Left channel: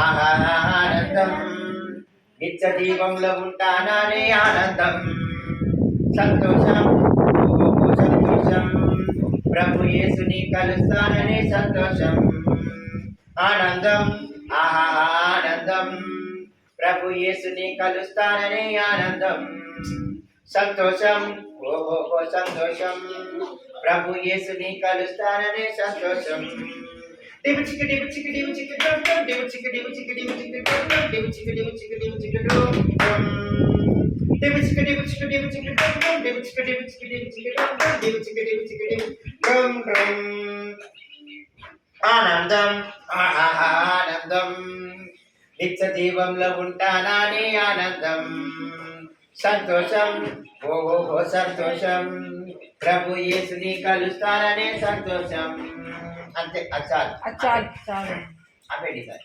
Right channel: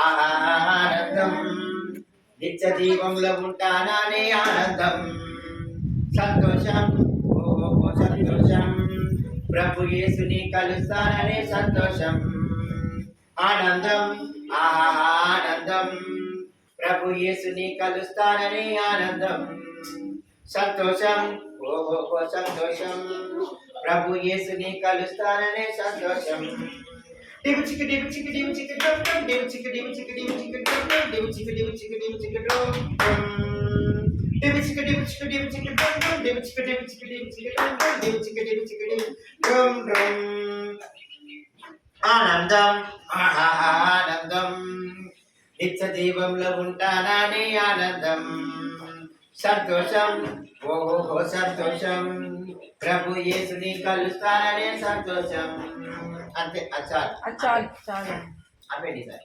ఆనందం నిత్య దీపంలో ఉంటాననే ఆనందం సంతోషం ఓ సంతోషం ప్రభు యేసుని కలుస్తాననే సంతోషం ఆనందం ఆనందం ప్రభు యేసుని కలుస్తాననే ఆనందం సంతోషం ఓ సంతోషం ప్రభు యేసుని కలుస్తాననే సంతోషం డివు చికి డివు చికి డివు చికి డమ్ డమ్ డివు చికి డివు చికి డివు చికి డమ్ డమ్ డివు చికి డివు చికి డివు చికి డమ్ డమ్ డివు చికి డివు చికి డివు చికి డమ్ డమ్ డివు చికి డివు చికి డివు చికి డమ్ డమ్ డివు చికి డివు చికి డివు డమ్ డమ్ ఆనందం ఆనందం నిత్య దీపంలో ఉంటానని ఆనందం సంతోషం ఓ సంతోషం ప్రభు యేసుని కలుస్తాననే సంతోషం అంతే చాలు చాలు చాలు ఆపేయండి సార్.